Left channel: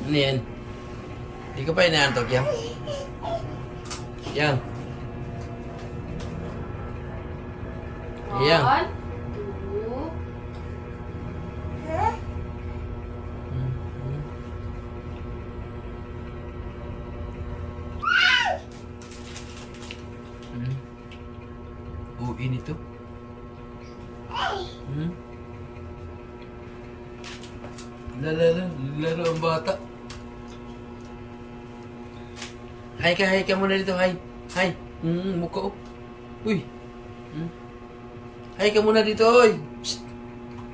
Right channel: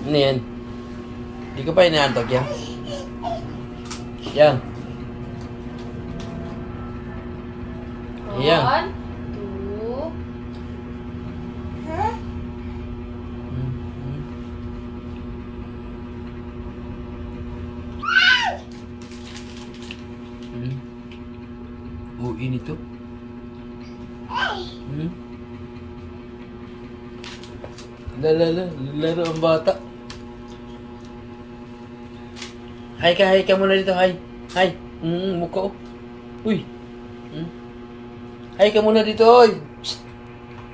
Ano yan? Hindi ka pa inaantok yan? Yan. Yan. 1, 2. Uwi nito. Laro ang bata. Hi ka muna dito, hi. Hi. Mukha oh. Uy. Hi ka muna dito, oy. Psst.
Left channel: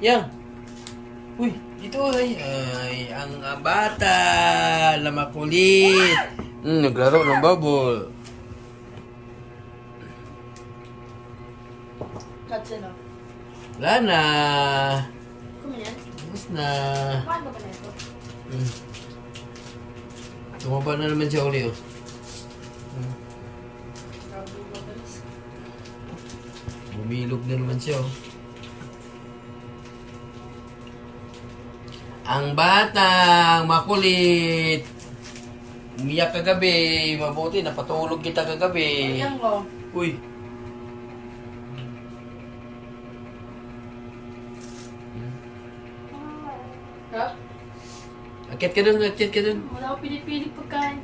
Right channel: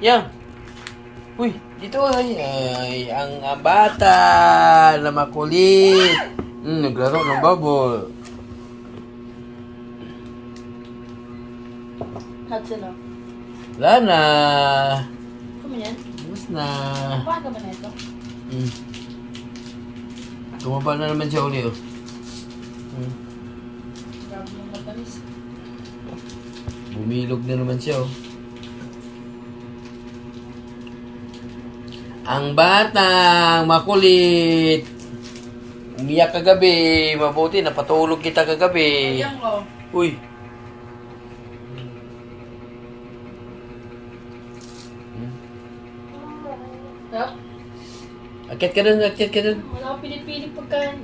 Yang. Uy, dito ay. Ay, ang bata na makulit. Naglaro ng bubble. Hudson, oh. Wala na. Kumain yan? Tapos na. Kumain ka ba na ito? Tumaba na naman siya uli, oh. Grabe yung matamis. Bumilog na naman siya, oh. Ang batang makulit. Umiyak kagabi. Mabuti, napatulog kita kagabi. Ayan ko. Uy. Ha? Akit ka dun, akit ka dun. Wala ko pinipili pagkain.